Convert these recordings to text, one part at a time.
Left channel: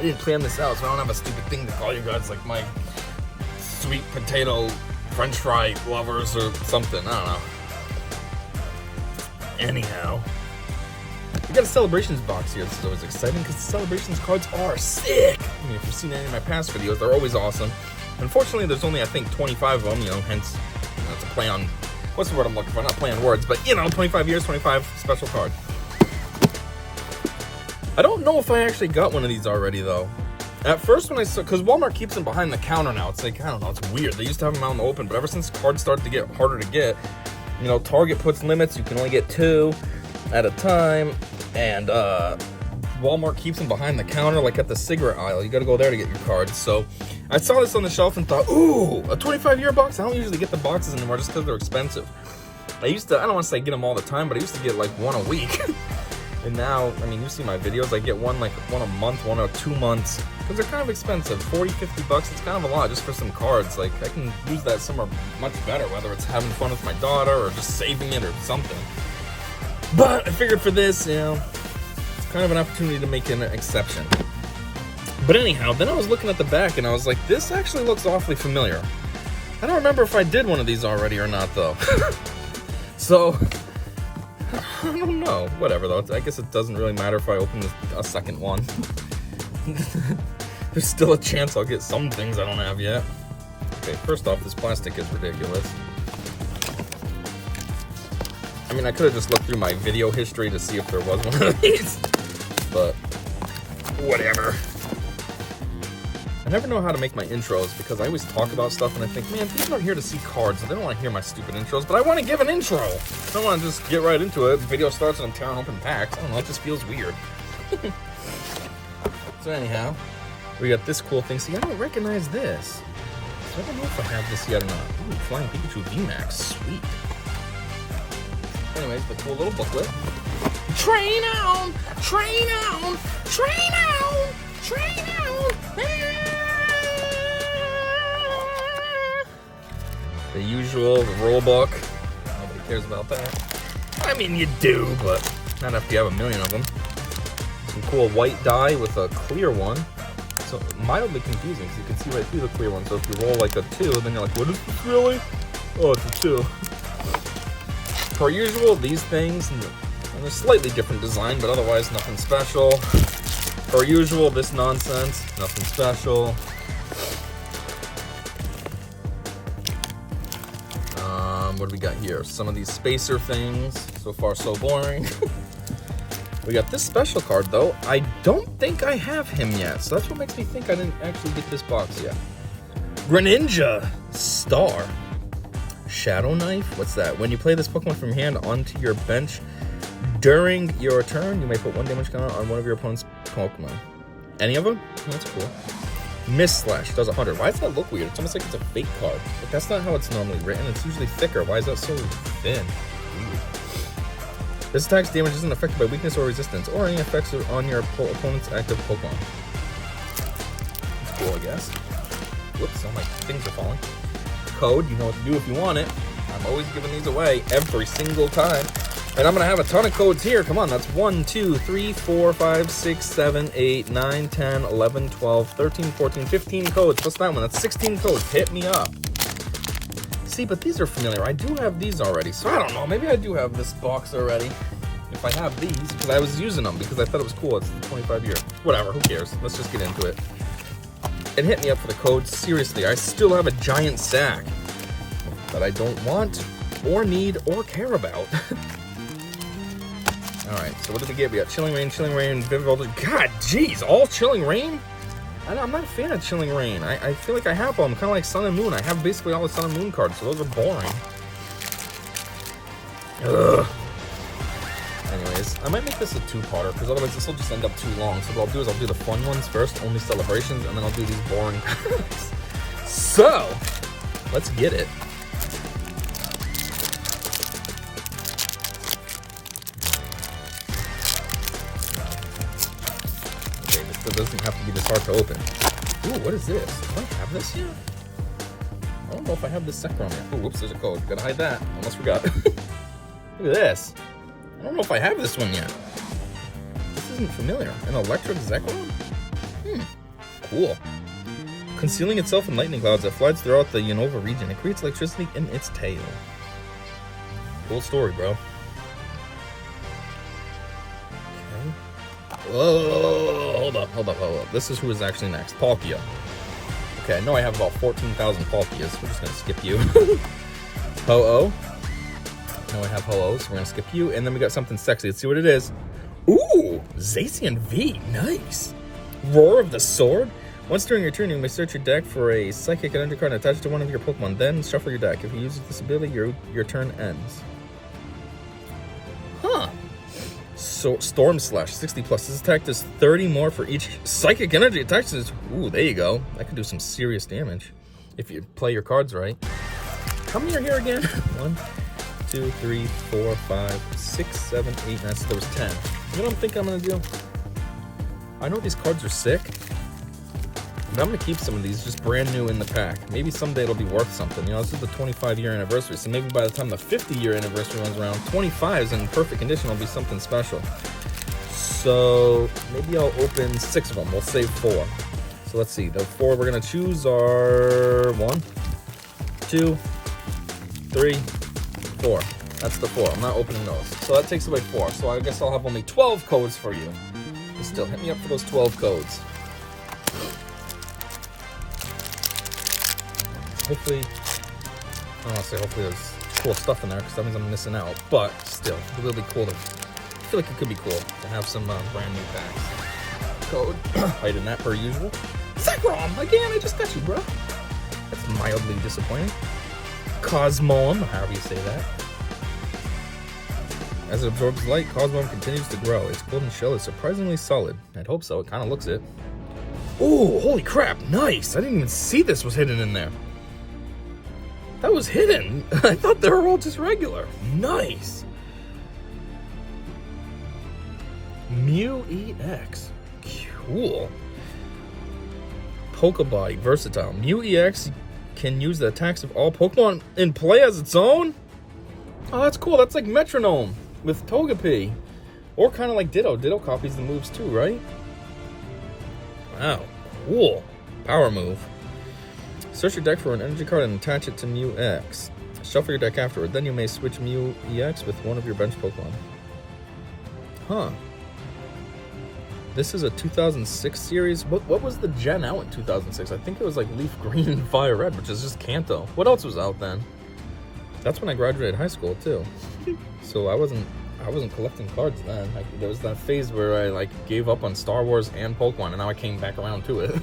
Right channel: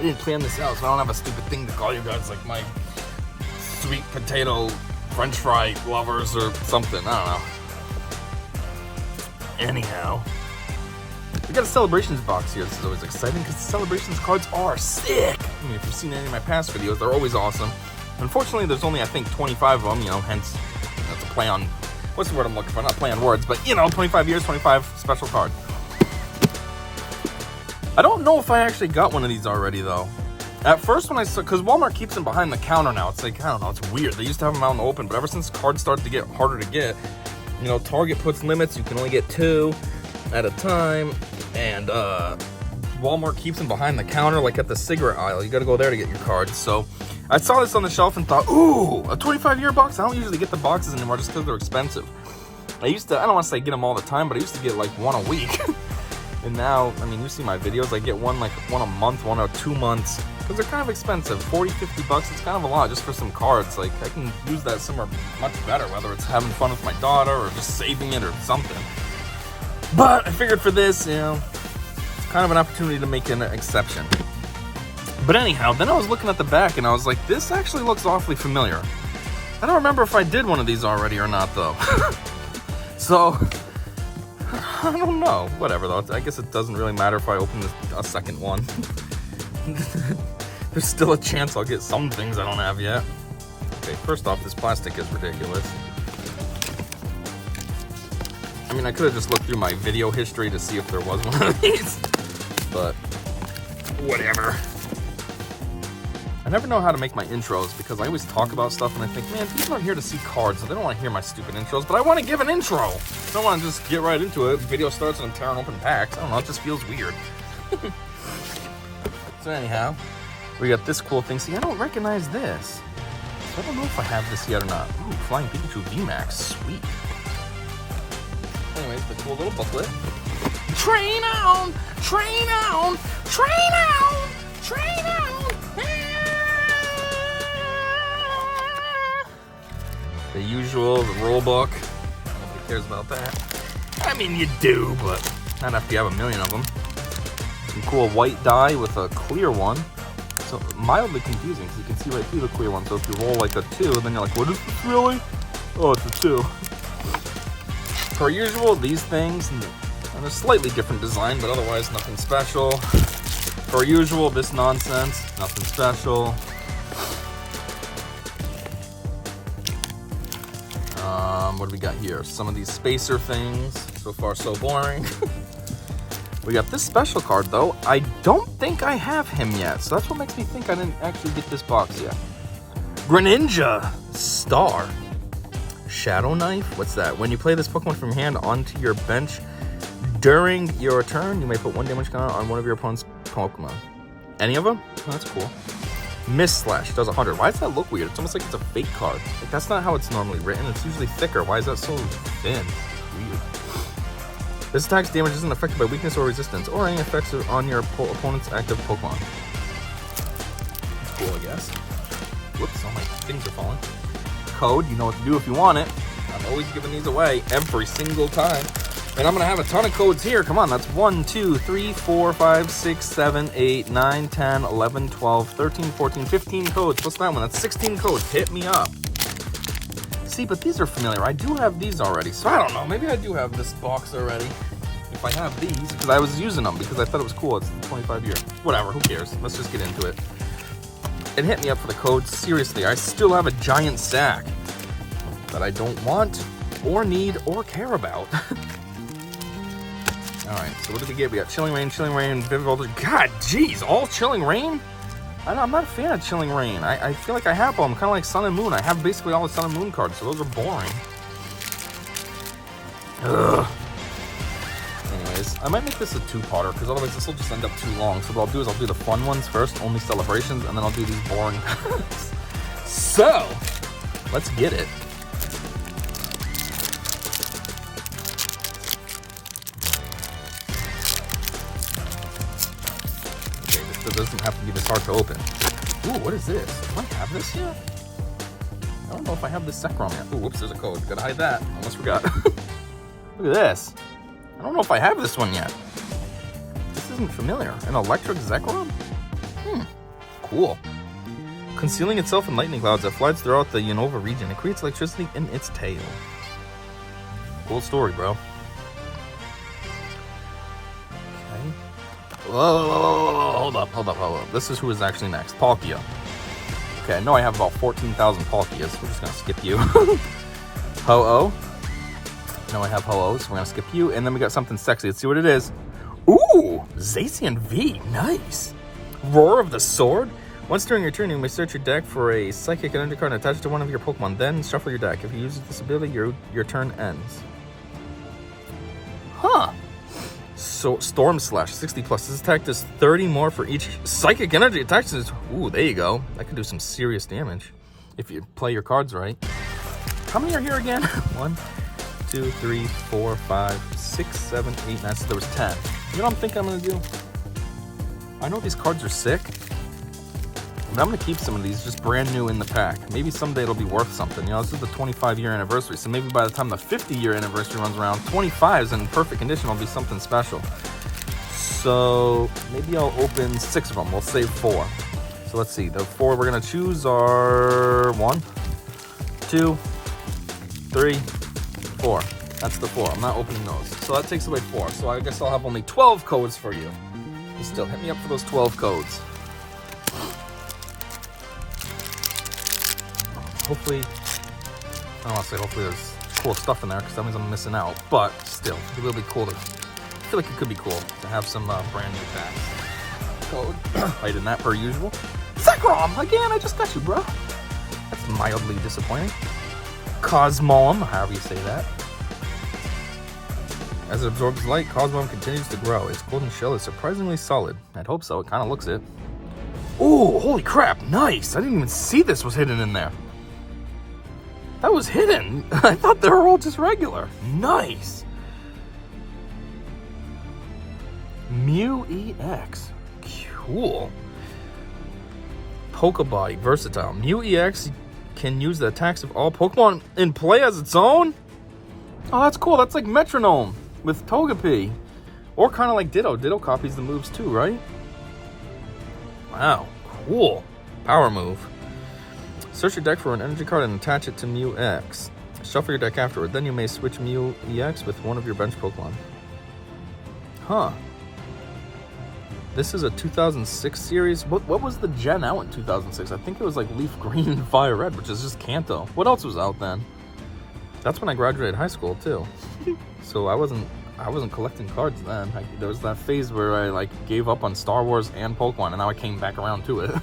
I didn't plan this out, so I don't have a stupid thing to call you guys like my sweet potato French fry lovers or something. I don't know. Anyhow, we got a Celebrations box here. This is always exciting because the Celebrations cards are sick. I mean, if you've seen any of my past videos, they're always awesome. Unfortunately, there's only, I think, 25 of them, you know, hence, that's a play on, what's the word I'm looking for? Not play on words, but, you know, 25 years, 25 special card. I don't know if I actually got one of these already, though. At first when I saw, because Walmart keeps them behind the counter now, it's like, I don't know, it's weird. They used to have them out in the open, but ever since cards started to get harder to get, you know, Target puts limits, you can only get 2 at a time, and Walmart keeps them behind the counter, like at the cigarette aisle. You gotta go there to get your cards. So I saw this on the shelf and thought, ooh, a 25-year box? I don't usually get the boxes anymore just because they're expensive. I used to, I don't want to say get them all the time, but I used to get like one a week. And now, I mean, you see my videos, I get one a month, 1 or 2 months, because they're kind of expensive. 40, 50 bucks, it's kind of a lot just for some cards. Like, I can use that somewhere much better, whether it's having fun with my daughter or just saving it or something. But I figured for this, you know, it's kind of an opportunity to make an exception. But anyhow, then I was looking at the back and I was like, this actually looks awfully familiar. I don't remember if I did one of these already or not, though. So, I don't know. Whatever, though. I guess it doesn't really matter if I open a second one. There's still a chance I'll get some things I don't have yet. Okay, first off, this plastic is ridiculous. I mean, I could have just looked through my video history to see if there was one of these, but whatever. I never know how to make my intros because I always talk about stuff and I think, man, people are here to see cards, so they don't want to hear my stupid intros, but I want to give an intro. I don't want to just get right into it. The video starts and I'm tearing open packs. I don't know, it just feels weird. So anyhow, we got this cool thing. See, I don't recognize this. So I don't know if I have this yet or not. Ooh, Flying Pikachu VMAX, sweet. Anyways, the cool little booklet. Train on! Train on! Train on! Train on! The usual, the rule book. Nobody cares about that. I mean, you do, but not after you have a million of them. Some cool white die with a clear one. So mildly confusing because you can see right through the clear one. So if you roll like a 2, then you're like, what is this really? Oh, it's a 2. Per usual, these things, and a slightly different design, but otherwise nothing special. Per usual, this nonsense, nothing special. What do we got here? Some of these spacer things. So far, so boring. We got this special card, though. I don't think I have him yet, so that's what makes me think I didn't actually get this box yet. Greninja Star. Shadow Knife? What's that? When you play this Pokemon from your hand onto your bench during your turn, you may put 1 damage counter on one of your opponent's Pokemon. Any of them? Oh, that's cool. Mist Slash does 100. Why does that look weird? It's almost like it's a fake card. Like, that's not how it's normally written. It's usually thicker. Why is that so thin? Weird. This attack's damage isn't affected by weakness or resistance, or any effects on your opponent's active Pokemon. That's cool, I guess. Whoops, all my things are falling. Code, you know what to do if you want it. I'm always giving these away every single time. And I'm gonna have a ton of codes here. Come on, that's 1, 2, 3, 4, 5, 6, 7, 8, 9, 10, 11, 12, 13, 14, 15 codes. What's that one? That's 16 codes. Hit me up. See, but these are familiar. I do have these already. So I don't know. Maybe I do have this box already. If I have these, because I was using them because I thought it was cool. It's 25 year. Whatever, who cares? Let's just get into it. And hit me up for the codes. Seriously, I still have a giant stack that I don't want or need or care about. Alright, so what did we get? We got Chilling Reign, Vivid. God, jeez, all Chilling Reign? I'm not a fan of Chilling Reign. I feel like I have them, kind of like Sun and Moon. I have basically all the Sun and Moon cards, so those are boring. Ugh. Anyways, I might make this a 2-parter, because otherwise this will just end up too long. So what I'll do is I'll do the fun ones first, only celebrations, and then I'll do these boring cards. So, let's get it. It doesn't have to be this hard to open. Ooh, what is this? Do I have this yet? I don't know if I have this Zekrom yet. Ooh, whoops, there's a code. Gotta hide that. Almost forgot. Look at this. I don't know if I have this one yet. This isn't familiar. An electric Zekrom? cool. Concealing itself in lightning clouds that flies throughout the Unova region. It creates electricity in its tail. Cool story, bro. Okay. Whoa, hold up. This is who is actually next. Palkia. Okay, I know I have about 14,000 Palkias. We're just gonna skip you. Ho-Oh. No, I have Ho-Oh, so we're gonna skip you. And then we got something sexy. Let's see what it is. Ooh, Zacian V. Nice. Roar of the Sword. Once during your turn, you may search your deck for a Psychic Energy card attached to one of your Pokemon. Then shuffle your deck. If you use this ability, your turn ends. Huh. So Storm Slash, 60 plus. This attack does 30 more for each Psychic Energy attached to this. Ooh, there you go. That could do some serious damage if you play your cards right. How many are here again? 1, 2, 3, 4, 5, 6, 7, 8, 9. So there was 10. You know what I'm thinking I'm gonna do? I know these cards are sick, but I'm gonna keep some of these just brand new in the pack. Maybe someday it'll be worth something. You know, this is the 25-year anniversary, so maybe by the time the 50-year anniversary runs around, 25s in perfect condition will be something special. So maybe I'll open 6 of them. We'll save 4. So let's see. The 4 we're gonna choose are 1, 2, 3, 4. That's the 4. I'm not opening those. So that takes away 4. So I guess I'll have only 12 codes for you. But still, hit me up for those 12 codes. Hopefully, I don't want to say hopefully there's cool stuff in there because that means I'm missing out. But still, it will be cool to, I feel like it could be cool to have some brand new packs. Code, hiding that per usual. Zekrom, again, I just got you, bro. That's mildly disappointing. Cosmoem, however you say that. As it absorbs light, Cosmoem continues to grow. Its golden shell is surprisingly solid. I'd hope so, it kind of looks it. Ooh, holy crap, nice! I didn't even see this was hidden in there. That was hidden. I thought they were all just regular. Nice. Mew EX. Cool. Pokebody, versatile. Mew EX can use the attacks of all Pokemon in play as its own? Oh, that's cool. That's like Metronome with Togepi. Or kind of like Ditto. Ditto copies the moves too, right? Wow, cool. Power move. Search your deck for an energy card and attach it to Mew X. Shuffle your deck afterward. Then you may switch Mew EX with one of your bench Pokemon. Huh. This is a 2006 series. What was the gen out in 2006? I think it was like Leaf Green and Fire Red, which is just Kanto. What else was out then? That's when I graduated high school too. So I wasn't collecting cards then. There was that phase where I like gave up on Star Wars and Pokemon, and now I came back around to it.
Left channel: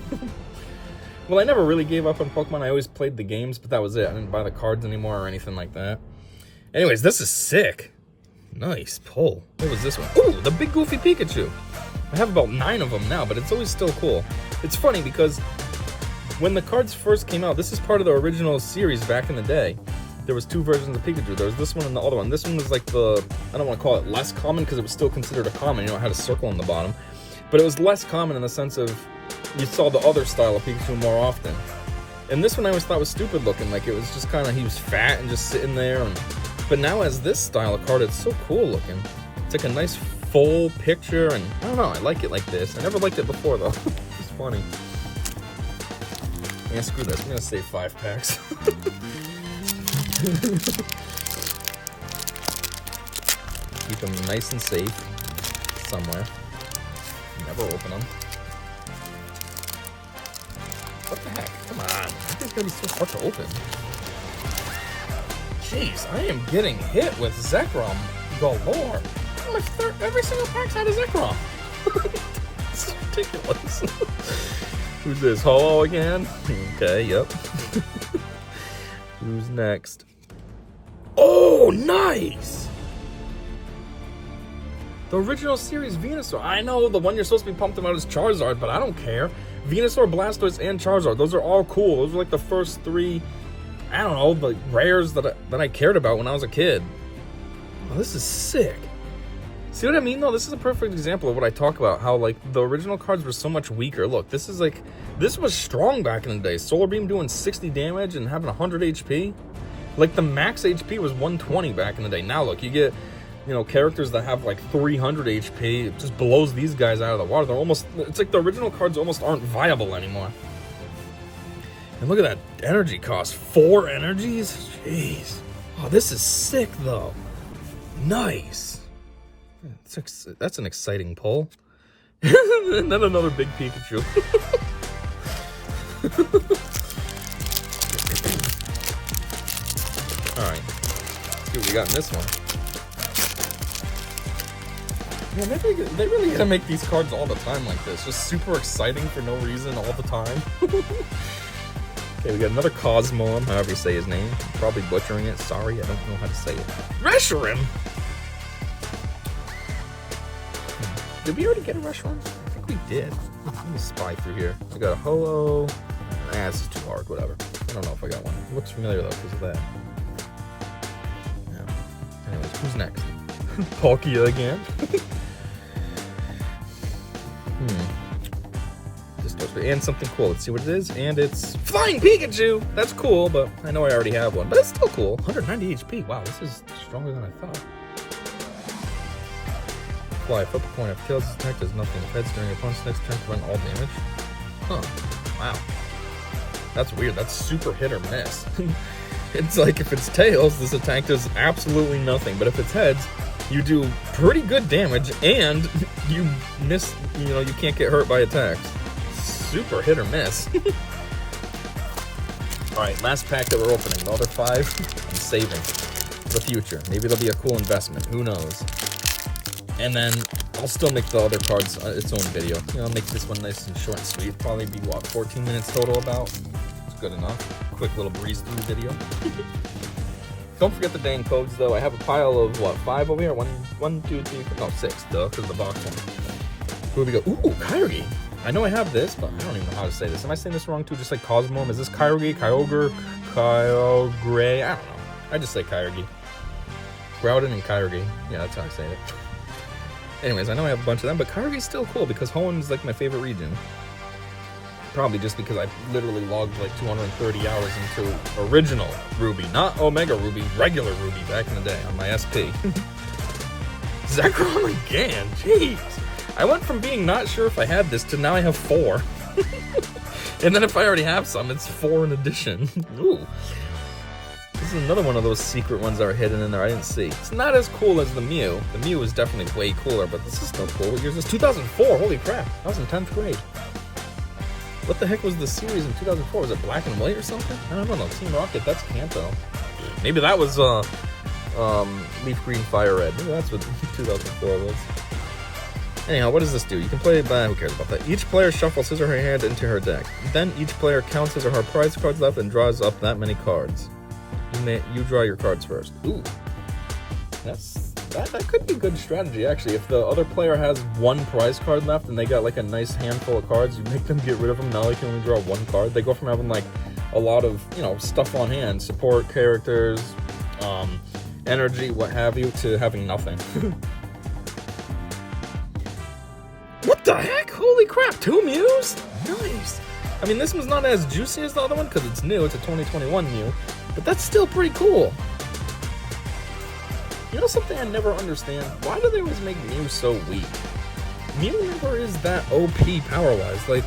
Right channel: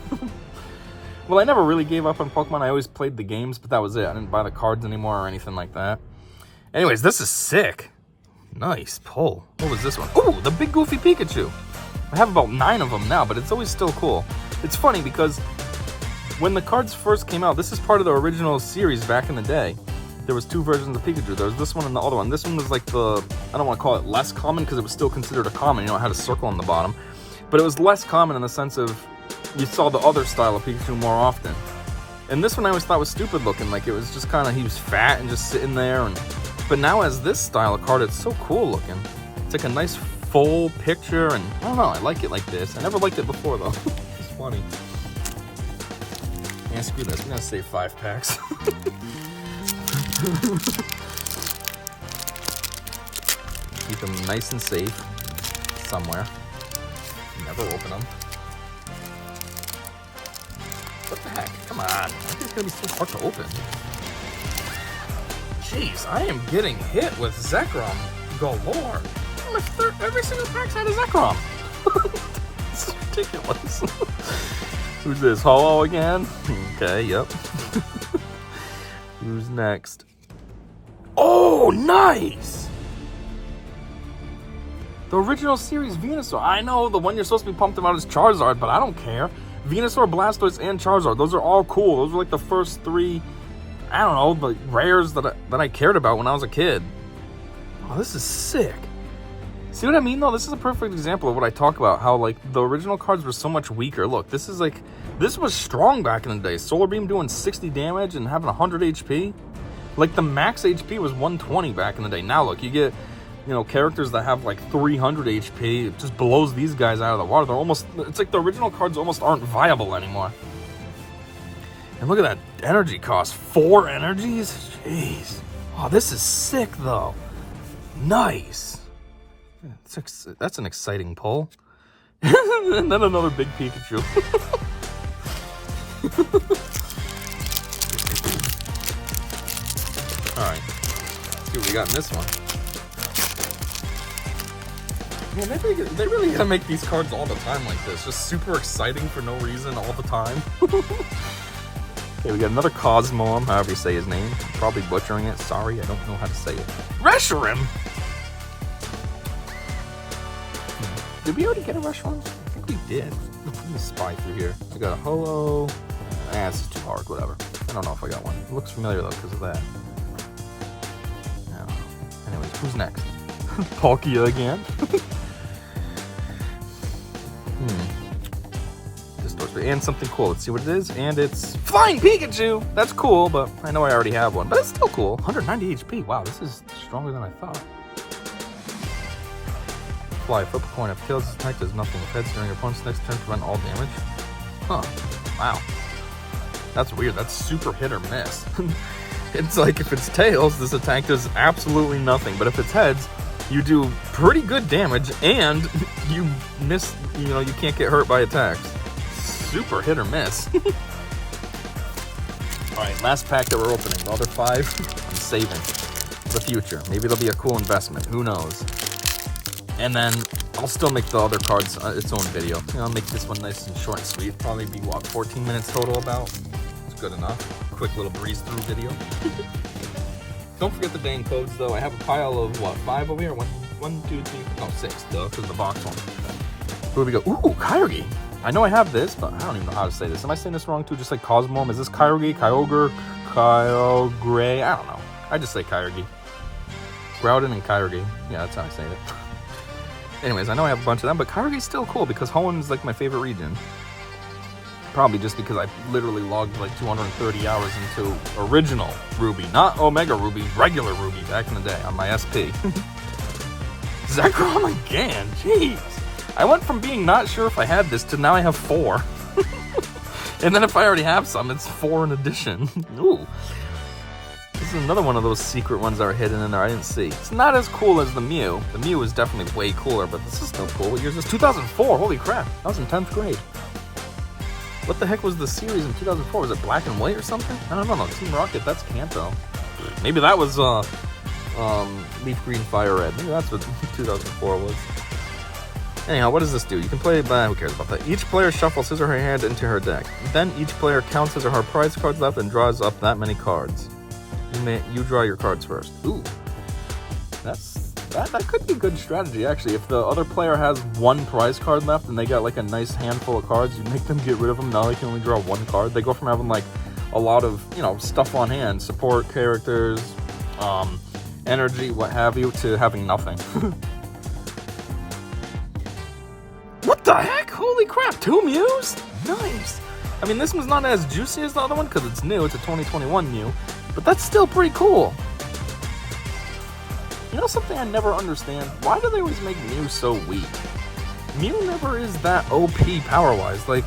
Well, I never really gave up on Pokemon. I always played the games, but that was it. I didn't buy the cards anymore or anything like that. Anyways, this is sick. Nice pull. What was this one? Ooh, the big goofy Pikachu. I have about 9 of them now, but it's always still cool. It's funny because when the cards first came out, this is part of the original series back in the day. There was 2 versions of Pikachu. There was this one and the other one. This one was like the, I don't want to call it less common because it was still considered a common. You know, it had a circle on the bottom. But it was less common in the sense of you saw the other style of Pikachu more often. And this one I always thought was stupid looking. Like it was just kind of, he was fat and just sitting there. But now as this style of card, it's so cool looking. It's like a nice full picture, and I don't know, I like it like this. I never liked it before though. It's funny. Yeah, screw this. I'm gonna save 5 packs. Keep them nice and safe somewhere. Never open them. What the heck? Come on. This is gonna be so hard to open. Jeez, I am getting hit with Zekrom galore. Every single pack's had a Zekrom. This is ridiculous. Who's this? Ho-Oh again? Okay, yep. Who's next? Oh, nice! The original series Venusaur. I know the one you're supposed to be pumped about is Charizard, but I don't care. Venusaur, Blastoise, and Charizard. Those are all cool. Those were like the first 3, I don't know, the rares that I cared about when I was a kid. Oh, this is sick. See what I mean though? This is a perfect example of what I talk about, how like the original cards were so much weaker. Look, this is like, this was strong back in the day. Solar Beam doing 60 damage and having 100 HP. Like the max HP was 120 back in the day. Now look, you get you know, characters that have like 300 HP. It just blows these guys out of the water. They're almost, it's like the original cards almost aren't viable anymore. And look at that energy cost. 4 energies? Jeez. Oh, this is sick though. Nice. That's an exciting pull. And then another big Pikachu. Alright. Let's see what we got in this one. Man, they really gotta make these cards all the time like this. Just super exciting for no reason all the time. Okay, we got another Cosmoem, however you say his name. I'm probably butchering it. Sorry, I don't know how to say it. Reshiram! Did we already get a Reshiram? I think we did. Let me spy through here. I got a Holo. This is too hard, whatever. I don't know if I got one. It looks familiar though, because of that. Yeah. Anyways, who's next? Palkia again? And something cool. Let's see what it is. And it's Flying Pikachu! That's cool, but I know I already have one. But it's still cool. 190 HP. Wow, this is stronger than I thought. Fly, flip a coin. If tails attack does nothing. If heads during your opponent's next turn, prevent all damage. Huh. Wow. That's weird. That's super hit or miss. It's like if it's tails, this attack does absolutely nothing. But if it's heads, you do pretty good damage and you miss, you know, you can't get hurt by attacks. Super hit or miss. Alright, last pack that we're opening. The other 5, I'm saving for the future. Maybe it'll be a cool investment. Who knows? And then I'll still make the other cards its own video. You know, I'll make this one nice and short and sweet. Probably be, what, 14 minutes total about? It's good enough. Quick little breeze through video. Don't forget the dang codes, though. I have a pile of, what, 5 over here? 1, 2, 3, no, 6, though, because of the box one. Who do we go? Ooh, Kyogre! I know I have this, but I don't even know how to say this. Am I saying this wrong too? Just like Cosmoem? Is this Kyogre? Kyogre? Kyogre? I don't know. I just say Kyogre. Groudon and Kyogre. Yeah, that's how I say it. Anyways, I know I have a bunch of them, but Kyogre's still cool because Hoenn is like my favorite region. Probably just because I literally logged like 230 hours into original Ruby, not Omega Ruby, regular Ruby back in the day on my SP. Zekrom again, jeez. I went from being not sure if I had this to now I have 4. And then if I already have some, it's 4 in addition. Ooh. This is another one of those secret ones that are hidden in there I didn't see. It's not as cool as the Mew. The Mew is definitely way cooler, but this is still cool. What year is this? 2004, holy crap. I was in 10th grade. What the heck was the series in 2004? Was it Black and White or something? I don't know, Team Rocket, that's Kanto. Maybe that was Leaf Green Fire Red. Maybe that's what 2004 was. Anyhow, what does this do? You can play, who cares about that? Each player shuffles his or her hand into her deck. Then each player counts his or her prize cards left and draws up that many cards. You draw your cards first. Ooh. That could be a good strategy, actually. If the other player has 1 prize card left and they got like a nice handful of cards, you make them get rid of them. Now they can only draw 1 card. They go from having like a lot of, you know, stuff on hand, support characters, energy, what have you, to having nothing. What the heck? Holy crap, 2 Mews? Nice. I mean, this one's not as juicy as the other one because it's new. It's a 2021 Mew, but that's still pretty cool. You know something I never understand? Why do they always make Mew so weak? Mew never is that OP power-wise. Like,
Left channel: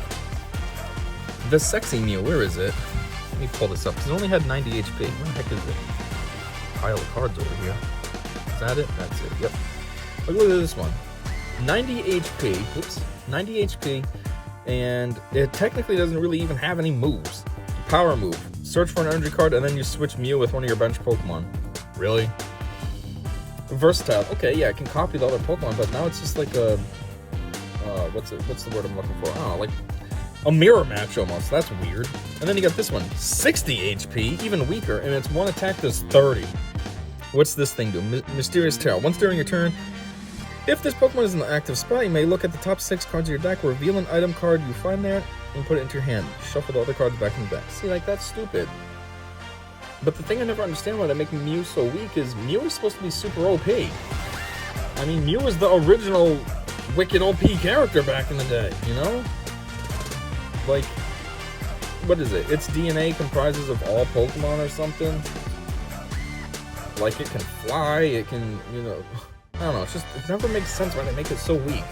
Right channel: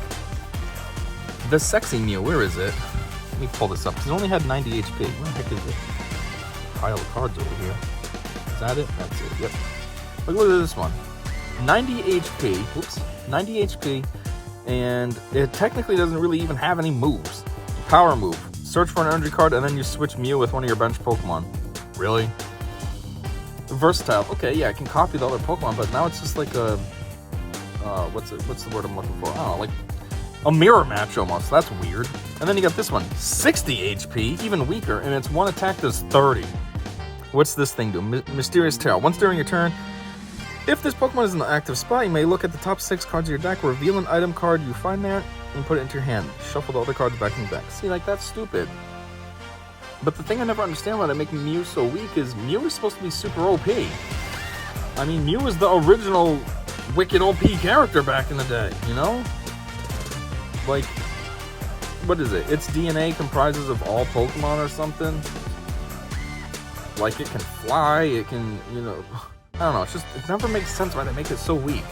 the sexy Mew, where is it? Let me pull this up, because it only had 90 HP. Where the heck is it? Pile of cards over here. Is that it? That's it, yep. Look at this one. 90 HP, oops, 90 HP, and it technically doesn't really even have any moves. Power move. Search for an energy card, and then you switch Mew with one of your bench Pokemon. Really? Versatile. Okay, yeah, I can copy the other Pokemon, but now it's just like a, what's the word I'm looking for? Oh, like a mirror match almost. That's weird. And then you got this one, 60 HP, even weaker, and its one attack does 30. What's this thing do? Mysterious Terror. Once during your turn, if this Pokemon is in the active spot, you may look at the top 6 cards of your deck, reveal an item card you find there, and put it into your hand. Shuffle the other cards back in the deck. See, like, that's stupid. But the thing I never understand why they're making Mew so weak is Mew is supposed to be super OP. I mean, Mew is the original wicked OP character back in the day, you know? Like, what is it? Its DNA comprises of all Pokemon or something? Like, it can fly, it can, you know... don't know, it never makes sense why they make it so weak.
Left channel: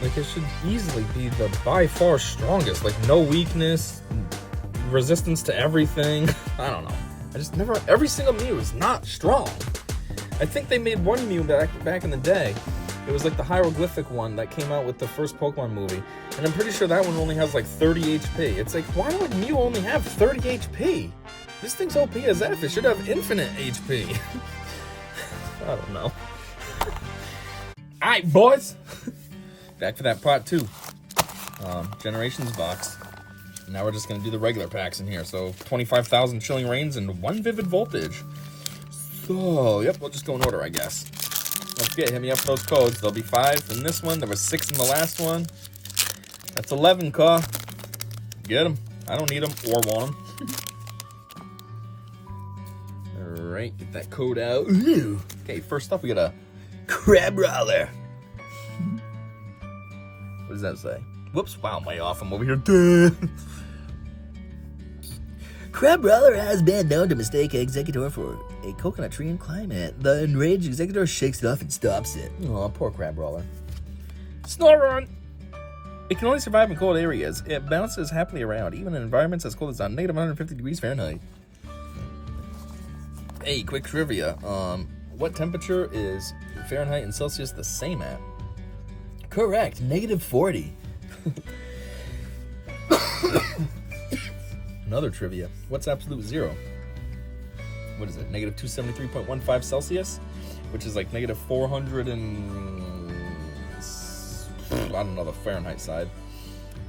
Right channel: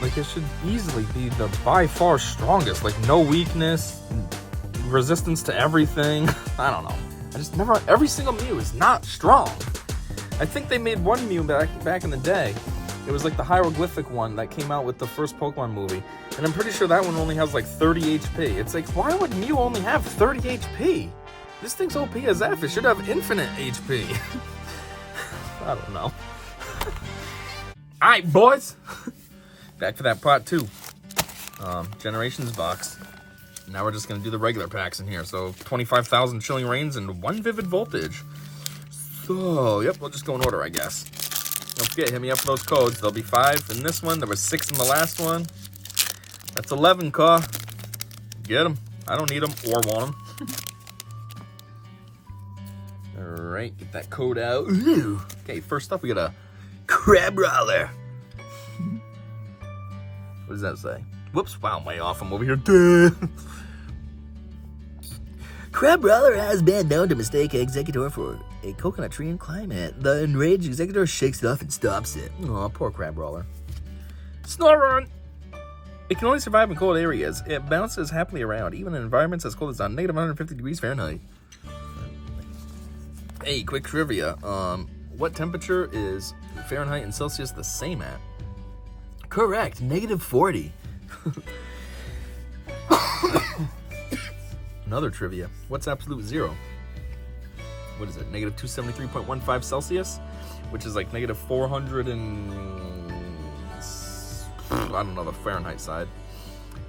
Like, it should easily be the by far strongest. Like, no weakness, resistance to everything. I don't know. Every single Mew is not strong. I think they made one Mew back in the day. It was like the hieroglyphic one that came out with the first Pokemon movie. And I'm pretty sure that one only has like 30 HP. It's like, why would Mew only have 30 HP? This thing's OP as F. It should have infinite HP. I don't know. Alright, boys. Back for that part 2. Generations box. Now we're just going to do the regular packs in here. So 25,000 Chilling Reigns and 1 Vivid Voltage. So, yep, we'll just go in order, I guess. Don't forget, hit me up for those codes. There'll be 5 in this one. There was 6 in the last one. That's 11, Ka. Get them. I don't need them or want them. Alright, get that code out. Ooh. Okay, first up, we got a Crabrawler. What does that say? Whoops, wow, I'm way off. I'm over here. Crabrawler has been known to mistake Executor for a coconut tree and climb it. The enraged Executor shakes it off and stops it. Aw, poor Crabrawler. Snorunt! It can only survive in cold areas. It bounces happily around, even in environments as cold as on negative 150 degrees Fahrenheit. Hey, quick trivia. What temperature is Fahrenheit and Celsius the same at? Correct, negative 40. Another trivia. What's absolute zero? What is it? Negative 273.15 Celsius? Which is like negative 400 and... I don't know the Fahrenheit side.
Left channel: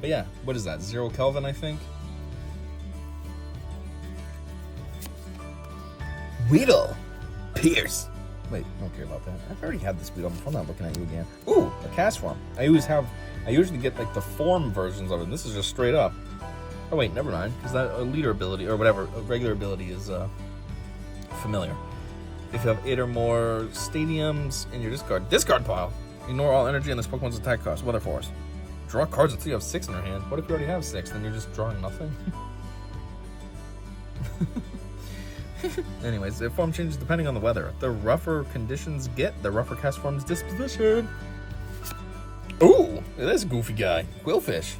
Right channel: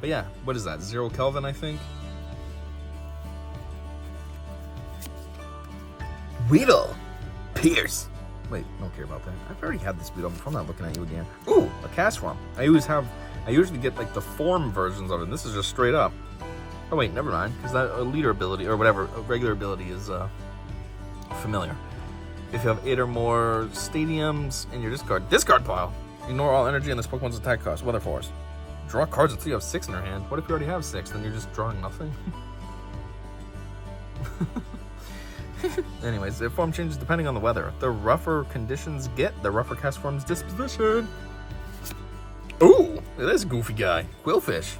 But yeah, what is that? 0 Kelvin, I think? Weedle. Pierce. Wait, I don't care about that. I've already had this Weedle before. I'm not looking at you again. Ooh, a Castform. I usually get like the form versions of it. This is just straight up. Oh wait, never mind, because that leader ability, or whatever, a regular ability is familiar. If you have 8 or more stadiums in your discard pile, ignore all energy on this Pokemon's attack cost. Weather Force. Draw cards until you have 6 in your hand. What if you already have 6? Then you're just drawing nothing? Anyways, the form changes depending on the weather. The rougher conditions get, the rougher Castform's disposition. Ooh, look at this goofy guy. Quillfish.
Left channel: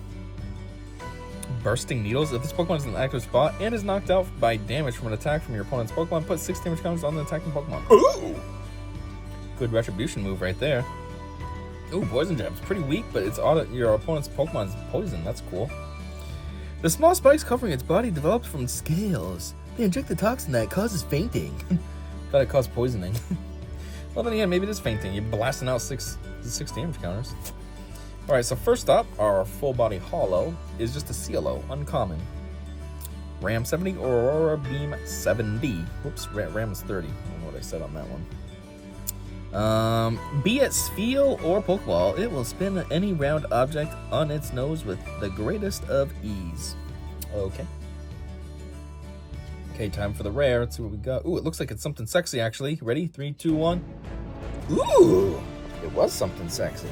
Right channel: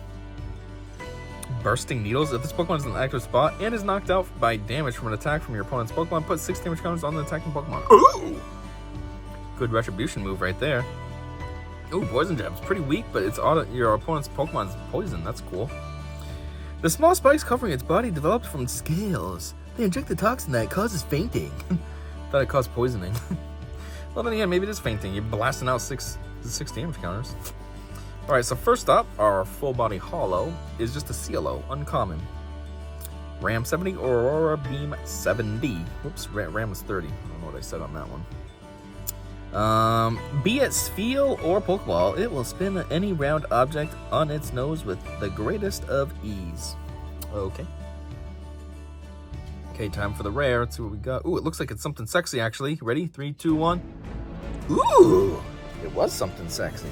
Bursting Needles. If this Pokemon is in an active spot and is knocked out by damage from an attack from your opponent's Pokemon, put 6 damage counters on the attacking Pokemon. Ooh! Good retribution move right there. Ooh, Poison Jab's pretty weak, but it's your opponent's Pokemon's poison. That's cool. The small spikes covering its body developed from scales. They inject the toxin that causes fainting. Thought it caused poisoning. Well, then again, maybe it is fainting. You're blasting out 6 damage counters. Alright, so first up, our full body holo is just a CLO, uncommon. Ram 70 or Aurora Beam 70. Whoops, Ram was 30. I don't know what I said on that one. Be it Spheal or Pokeball, it will spin any round object on its nose with the greatest of ease. Okay. Okay, time for the rare. Let's see what we got. Ooh, it looks like it's something sexy, actually. Ready? 3, 2, 1. Ooh! It was something sexy.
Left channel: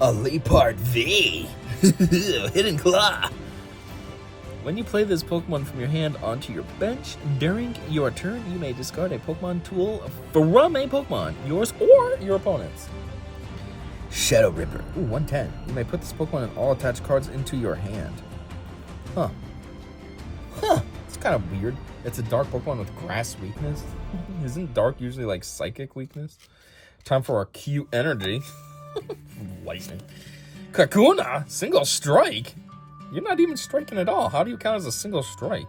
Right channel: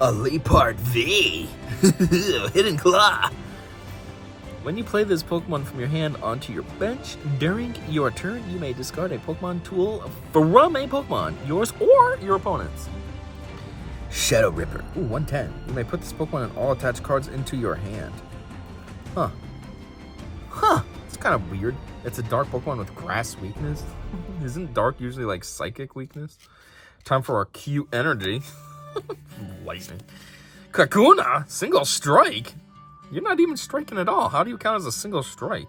A Liepard V. Hidden Claw. When you play this Pokemon from your hand onto your bench, during your turn, you may discard a Pokemon tool from a Pokemon, yours or your opponent's. Shadow Ripper. Ooh, 110. You may put this Pokemon and all attached cards into your hand. Huh. Huh. It's kind of weird. It's a dark Pokemon with grass weakness. Isn't dark usually like psychic weakness? Time for our cute energy. Lightning. Kakuna, single strike. You're not even striking at all. How do you count as a single strike?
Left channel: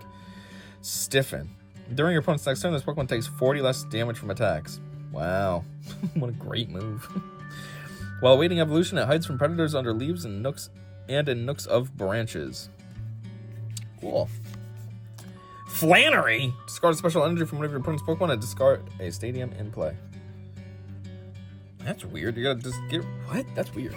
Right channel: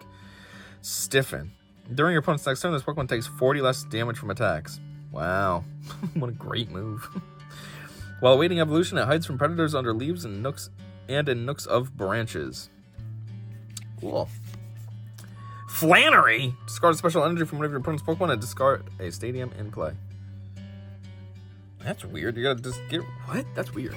Stiffen. During your opponent's next turn, this Pokemon takes 40 less damage from attacks. Wow. What a great move. While awaiting evolution, it hides from predators under leaves and in nooks of branches. Cool. Flannery. Discard special energy from one of your opponent's Pokemon and discard a stadium in play. That's weird. You gotta just get... What? That's weird.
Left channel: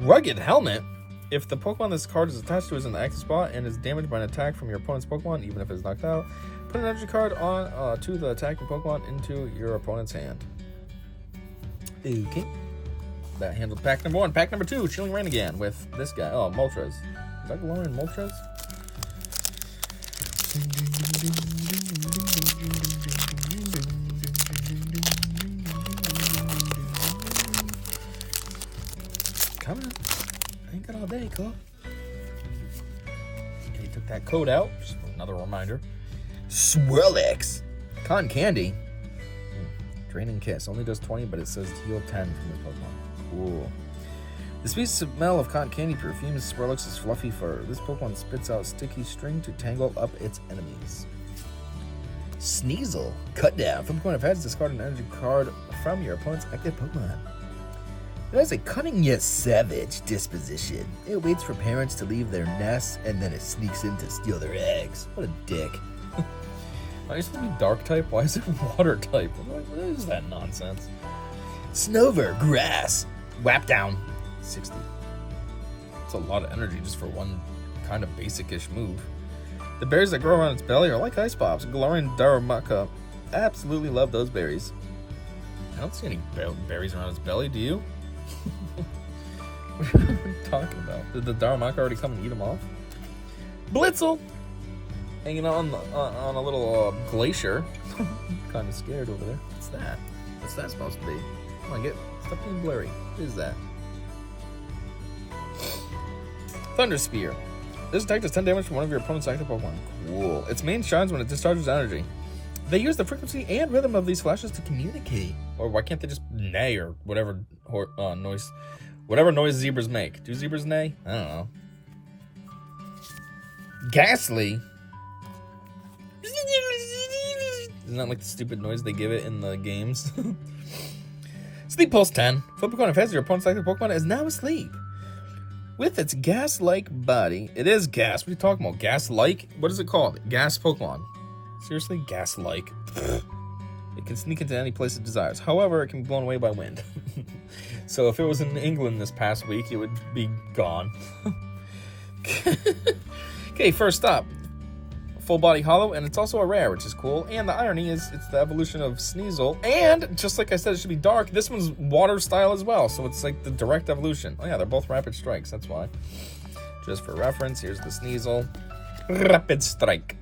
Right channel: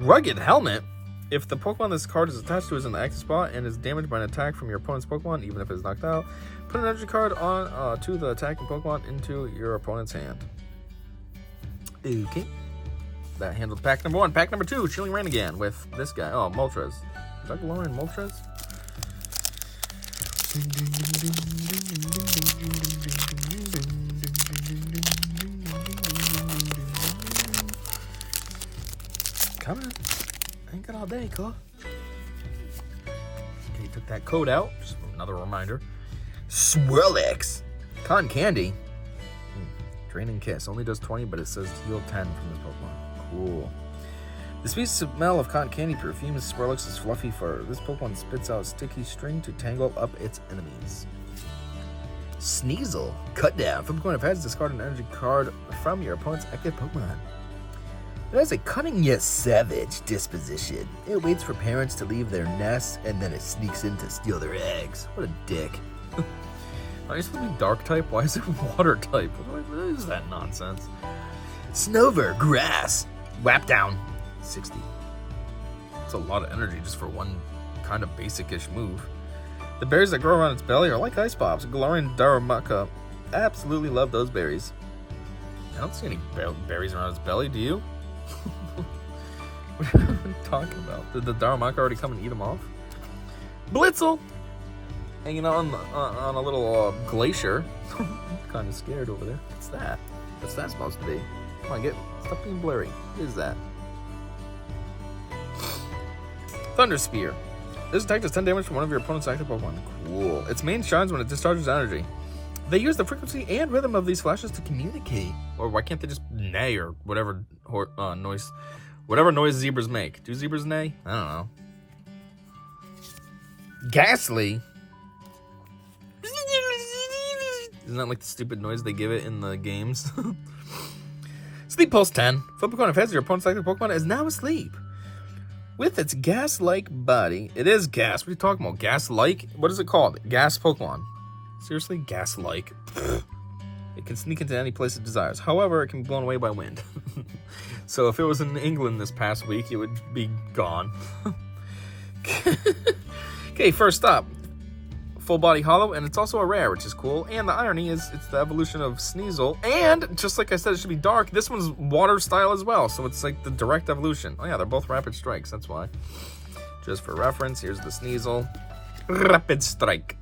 Rugged Helmet. If the Pokemon this card is attached to is in the active spot and is damaged by an attack from your opponent's Pokemon, even if it's knocked out, put an energy card on to the attacking Pokemon into your opponent's hand. Okay. That handled pack number 1. Pack number 2, Chilling Reign again with this guy. Oh, Moltres. Is that Galarian Moltres? coming. Ain't good all day, cool. Okay, took that code out. Just another reminder. Swirlix. Cotton Candy. Draining Kiss. Only does 20, but it says heal 10 from the Pokemon. Cool. The sweet smell of cotton candy perfumes Swirlix's fluffy fur. This Pokemon spits out sticky string to tangle up its enemies. Sneasel. Cut down. Flip a coin of heads, discard an energy card from your opponent's active Pokemon. It has a cunning yet savage disposition. It waits for parents to leave their nests, and then it sneaks in to steal their eggs. What a dick. Are you supposed to be dark type? Why is it water type? What is that nonsense? Snover. Grass. Whap down. 60. It's a lot of energy just for one kind of basic-ish move. The berries that grow around its belly are like ice pops. Galarian Darumaka. Absolutely love those berries. I don't see any berries around its belly, do you? What are you talking about? Did the Darumaka already come and eat them off? Blitzel! Hanging on a little glacier. Kind of scared over there. What's that? What's that supposed to be? Come on, stop being blurry. What is that? Thunder Spear. This attack does 10 damage from one of your opponent's active Pokemon. Cool. Its main shines when it discharges energy. They use the frequency and rhythm of these flashes to communicate. Or why can't they just neigh or whatever noise zebras make? Do zebras neigh? I don't know. Ghastly. Isn't that like the stupid noise they give it in the games? Sleep Pulse 10. Flip a coin of heads, your opponent's active Pokemon is now asleep. With its gas-like body, it is gas. What are you talking about? Gas-like? What is it called? Gas Pokemon. Seriously? Gas-like. It can sneak into any place it desires. However, it can be blown away by wind. So if it was in England this past week, it would be gone. Okay, first up. Full body hollow, and it's also a rare, which is cool. And the irony is it's the evolution of Sneasel. And just like I said, it should be dark. This one's water style as well, so it's like the direct evolution. Oh yeah, they're both rapid strikes, that's why. Just for reference, here's the Sneasel. Rapid strike.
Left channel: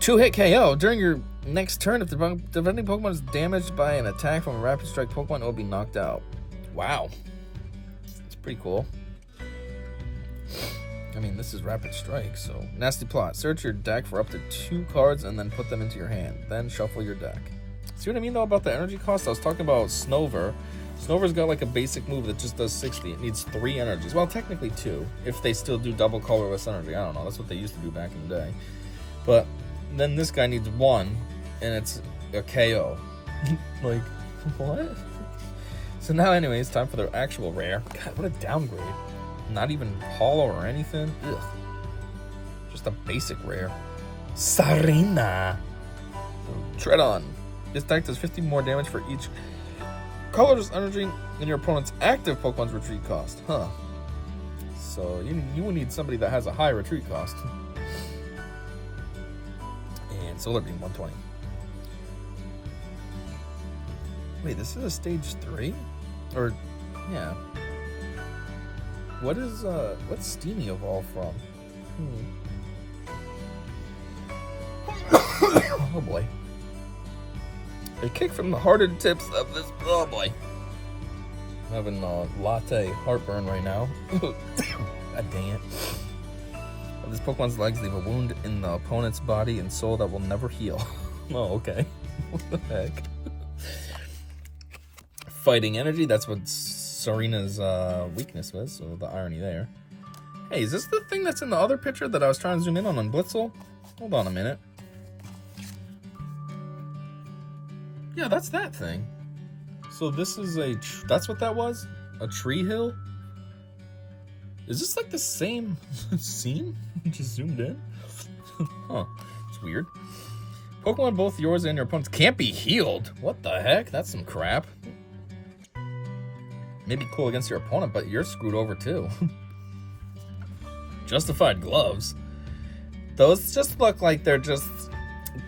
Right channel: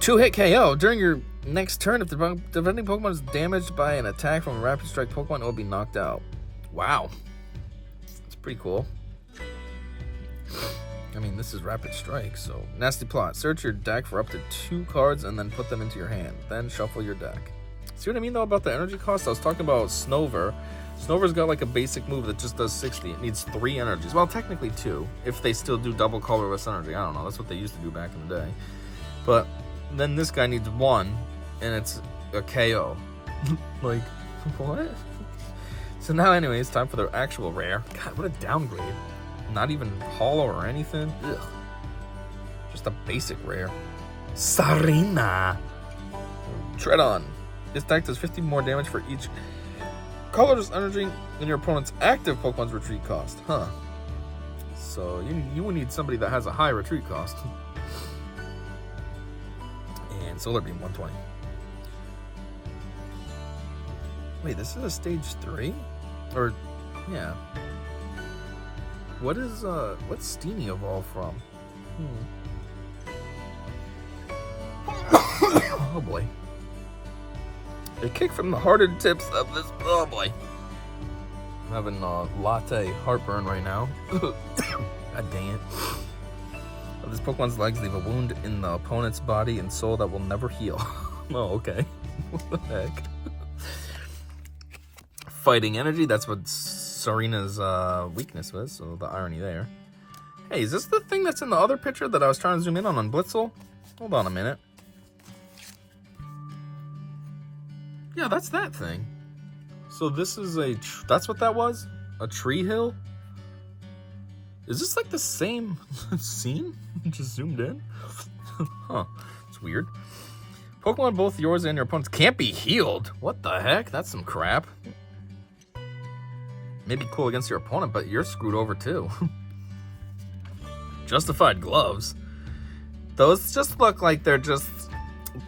2-hit KO. During your next turn, if the defending Pokemon is damaged by an attack from a rapid strike Pokemon, it will be knocked out. Wow. That's pretty cool. I mean, this is Rapid Strike, so... Nasty Plot. Search your deck for up to 2 cards and then put them into your hand. Then shuffle your deck. See what I mean, though, about the energy cost? I was talking about Snover. Snover's got, like, a basic move that just does 60. It needs 3 energies. Well, technically 2, if they still do double colorless energy. I don't know. That's what they used to do back in the day. But then this guy needs 1, and it's a KO. Like, what? So now, anyway, it's time for the actual rare. God, what a downgrade. Not even hollow or anything. Ugh. Just a basic rare. Sarina. Tread on. This attack does 50 more damage for each colorless energy in your opponent's active Pokemon's retreat cost. Huh. So you would need somebody that has a high retreat cost. And Solar Beam 120. Wait, this is a stage 3? Or, yeah. What's Steamy evolve from? Oh boy. A kick from the hearted tips of this, oh boy. I'm having latte heartburn right now. God dang it. Of this Pokemon's legs leave a wound in the opponent's body and soul that will never heal. Oh, okay. What the heck? Fighting energy, that's what Sarina's weakness was, so the irony there. Hey, is this the thing that's in the other picture that I was trying to zoom in on Blitzel? Hold on a minute. Yeah, that's that thing. So this is that's what that was? A tree hill? Is this like the same scene? Just zoomed in? Huh, it's weird. Pokemon both yours and your opponent's can't be healed. What the heck? That's some crap. Maybe cool against your opponent, but you're screwed over too. Justified gloves. Those just look like they're just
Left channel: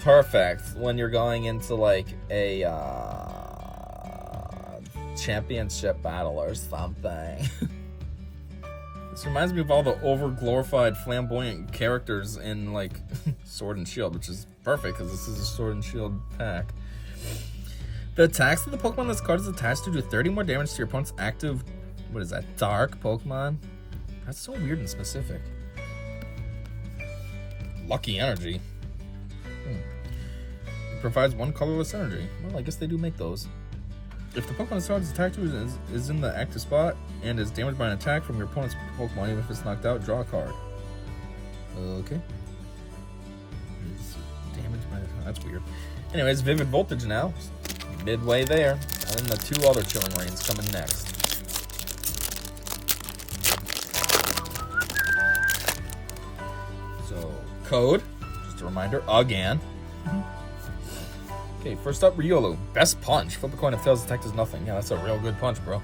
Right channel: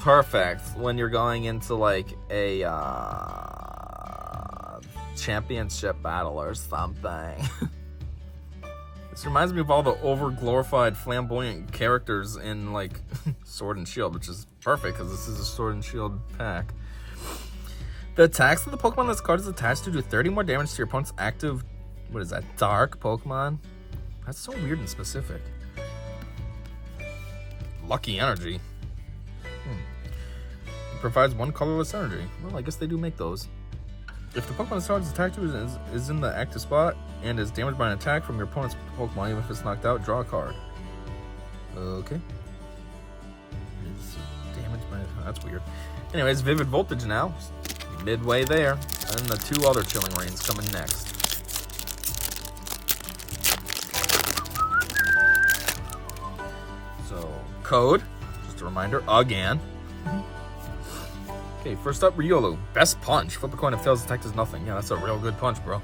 perfect when you're going into like a championship battle or something. This reminds me of all the over-glorified flamboyant characters in like Sword and Shield, which is perfect because this is a Sword and Shield pack. The attacks of the Pokemon this card is attached to do 30 more damage to your opponent's active, what is that, dark Pokemon? That's so weird and specific. Lucky Energy. It provides 1 colorless energy. Well, I guess they do make those. If the Pokemon this card is attacked to is in the active spot and is damaged by an attack from your opponent's Pokemon, even if it's knocked out, draw a card. Okay. Is damaged by... That's weird. Anyways, Vivid Voltage now. Midway there. And the 2 other Chilling Rains coming next. So, code. Just a reminder, again. Okay, first up, Riolu. Best punch. Flip a coin if tails attack does nothing. Yeah, that's a real good punch, bro.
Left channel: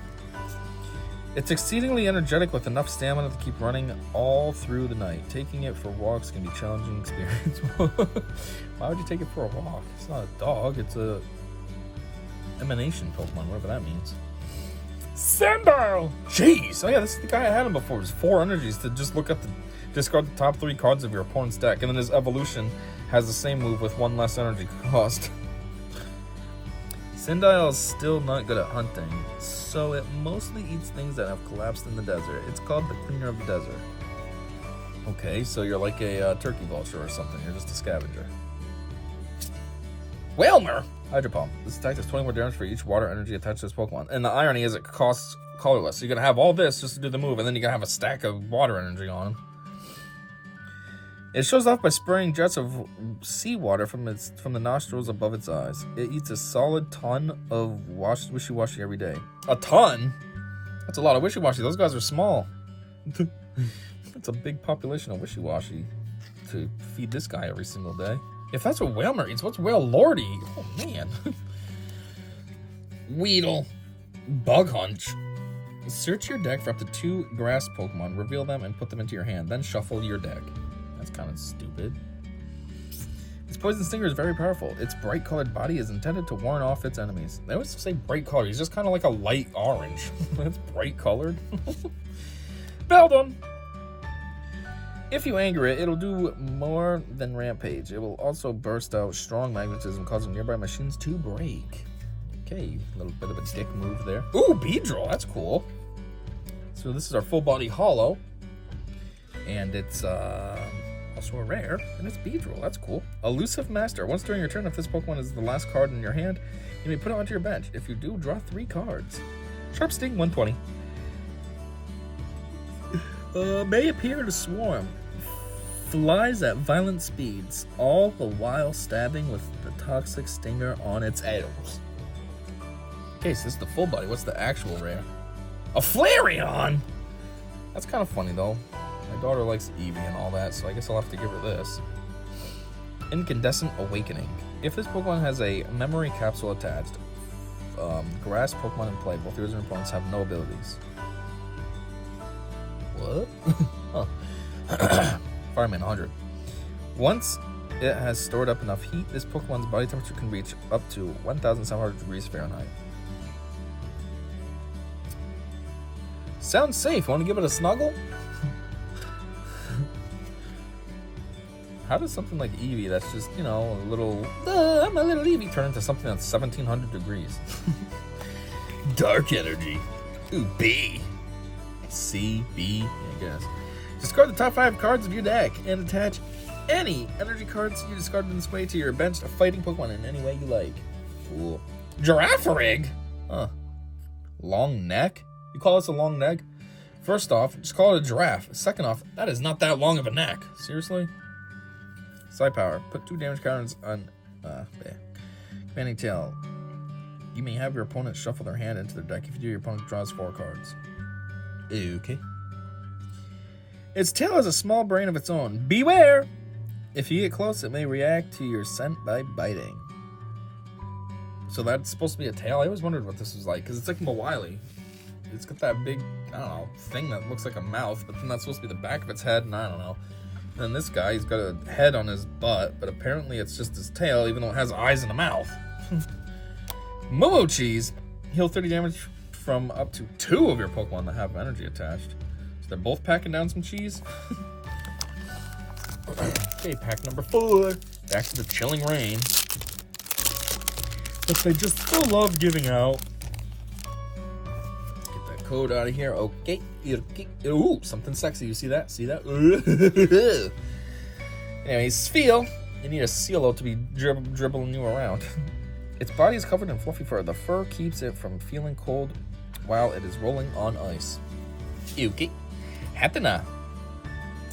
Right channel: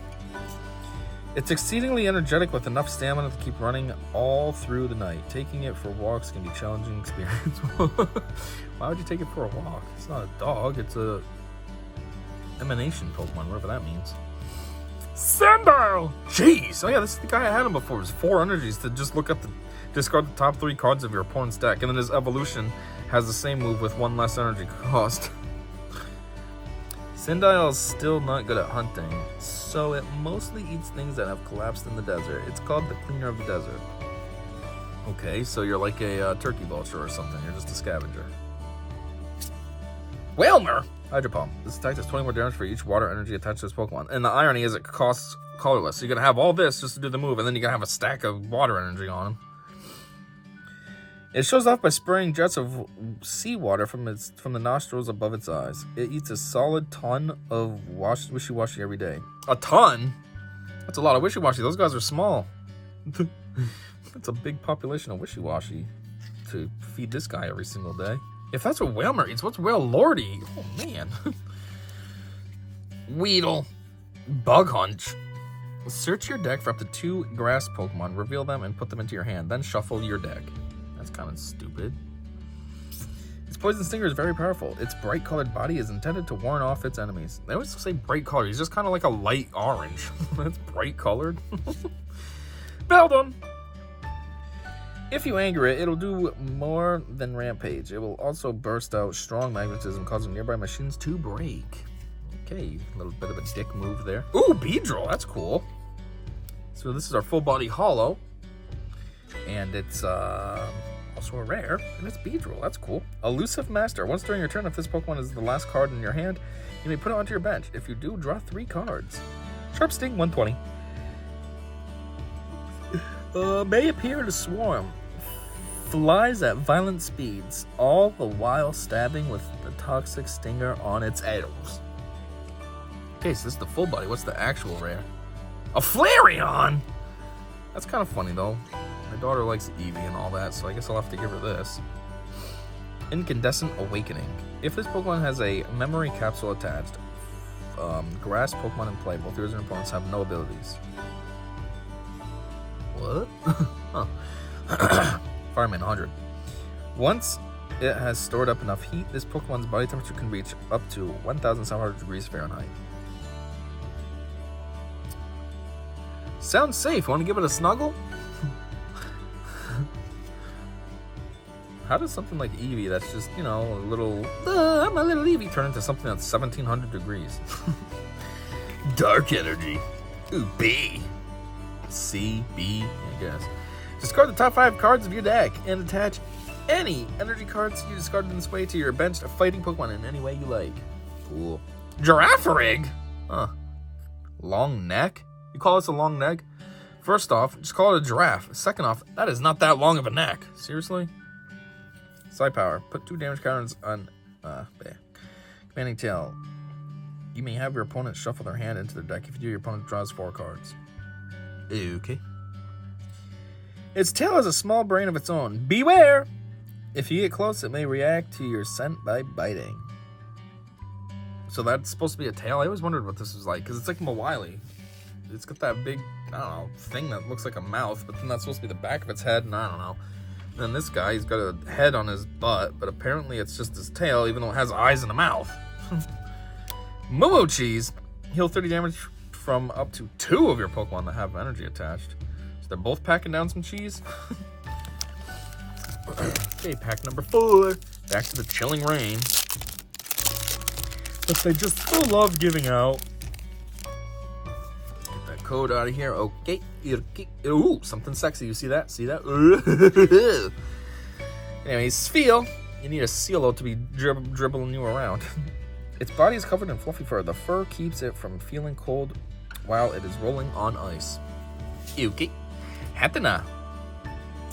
It's exceedingly energetic with enough stamina to keep running all through the night. Taking it for walks can be a challenging experience. Why would you take it for a walk? It's not a dog, it's a emanation Pokemon, whatever that means. Sandile! Jeez! Oh yeah, this is the guy I had him before. It was 4 energies to just look up the... Discard the top 3 cards of your opponent's deck, and then his evolution has the same move with 1 less energy cost. Sandile is still not good at hunting, so it mostly eats things that have collapsed in the desert. It's called the Cleaner of the Desert. Okay, so you're like a turkey vulture or something. You're just a scavenger. Wailmer! Hydro Pump. This attack does 20 more damage for each water energy attached to this Pokemon. And the irony is it costs colorless. So you're going to have all this just to do the move, and then you're going to have a stack of water energy on him. It shows off by spraying jets of seawater from the nostrils above its eyes. It eats a solid ton of Wishy-Washy every day. A ton? That's a lot of Wishy-Washy. Those guys are small. That's a big population of Wishy-Washy to feed this guy every single day. If that's what Wailmer eats, what's Wailordy? Oh, man. Weedle. Bug Hunch. Search your deck for up to 2 grass Pokemon, reveal them, and put them into your hand. Then shuffle your deck. That's kind of stupid. Its Poison Stinger is very powerful. Its bright-colored body is intended to warn off its enemies. They always say bright color. He's just kind of like a light orange. That's bright-colored. Beldum! If you anger it, it'll do more than Rampage. It will also burst out strong magnetism, causing nearby machines to break. Okay, a little bit of a dick move there. Ooh, Beedrill, that's cool. So this is our full body holo. And it's also a rare, and it's Beedrill, that's cool. Elusive Master. Once during your turn, if this Pokemon is the last card in your hand, you may put it onto your bench. If you do, draw 3 cards. Sharp Sting, 120. May appear in a swarm. Flies at violent speeds, all the while stabbing with the toxic stinger on its ankles. Okay, so this is the full body. What's the actual rare? A Flareon! That's kind of funny, though. My daughter likes Eevee and all that, so I guess I'll have to give her this. Incandescent Awakening. If this Pokemon has a memory capsule attached, grass Pokemon in play, both yours and opponents have no abilities. What? Huh. Fireman 100. Once it has stored up enough heat, this Pokemon's body temperature can reach up to 1,700 degrees Fahrenheit. Sounds safe. Want to give it a snuggle? How does something like Eevee that's just, you know, a little, I'm a little Eevee, turn into something that's 1,700 degrees? Dark Energy. Ooh, B. C, B, yeah, I guess. Discard the top 5 cards of your deck and attach any energy cards you discarded in this way to your bench of fighting Pokemon in any way you like. Cool. Girafarig? Huh. Long neck? You call this a long neck? First off, just call it a giraffe. Second off, that is not that long of a neck. Seriously? Psi Power. Put 2 damage counters on Commanding Tail. You may have your opponent shuffle their hand into their deck. If you do, your opponent draws 4 cards. Okay. Its tail has a small brain of its own. Beware! If you get close, it may react to your scent by biting. So that's supposed to be a tail? I always wondered what this was like, because it's like Mawile. It's got that big, I don't know, thing that looks like a mouth, but then that's supposed to be the back of its head, and I don't know. And then this guy, he's got a head on his butt, but apparently it's just his tail, even though it has eyes and a mouth. Momo Cheese. Heal 30 damage from up to 2 of your Pokemon that have energy attached. So they're both packing down some cheese. Okay, pack number 4. Back to the Chilling Rain. that they just still love giving out. Get that code out of here. Okay. Ooh, something sexy. You see that? See that? Anyways, Spheal. You need a Sealo to be dribbling you around. Its body is covered in fluffy fur. The fur keeps it from feeling cold while it is rolling on ice. Yuki. Hatena.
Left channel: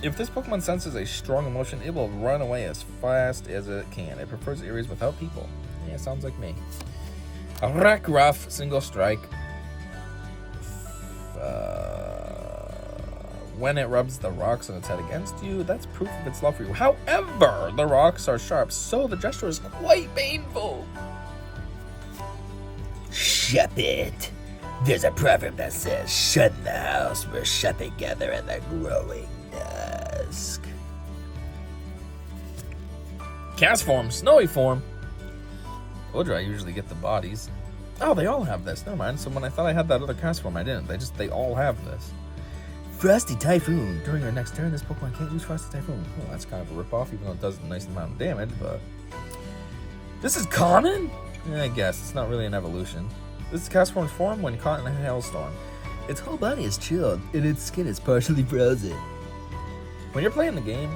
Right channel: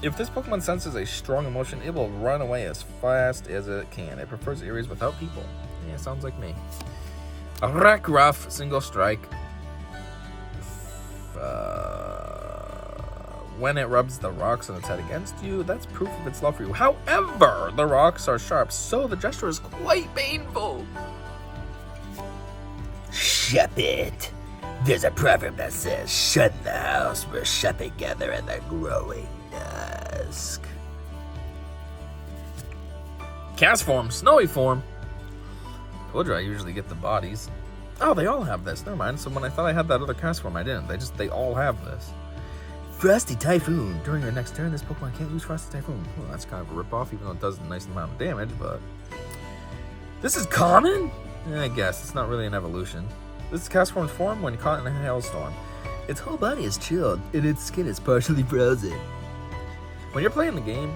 If this Pokemon senses a strong emotion, it will run away as fast as it can. It prefers areas without people. Yeah, sounds like me. Rockruff, single strike. When it rubs the rocks on its head against you, that's proof of its love for you. However, the rocks are sharp, so the gesture is quite painful. Shepherd. There's a proverb that says, shut in the house where shepherd gather in the growing dusk. Cast form, snowy form. Told you I usually get the bodies. Oh, they all have this. Never mind. So when I thought I had that other cast form, I didn't. They all have this. Frosty Typhoon. During your next turn, this Pokemon can't use Frosty Typhoon. Well, that's kind of a ripoff, even though it does a nice amount of damage, but... This is common? Yeah, I guess. It's not really an evolution. This is cast form's form when caught in a hailstorm. Its whole body is chilled, and its skin is partially frozen. When you're playing the game,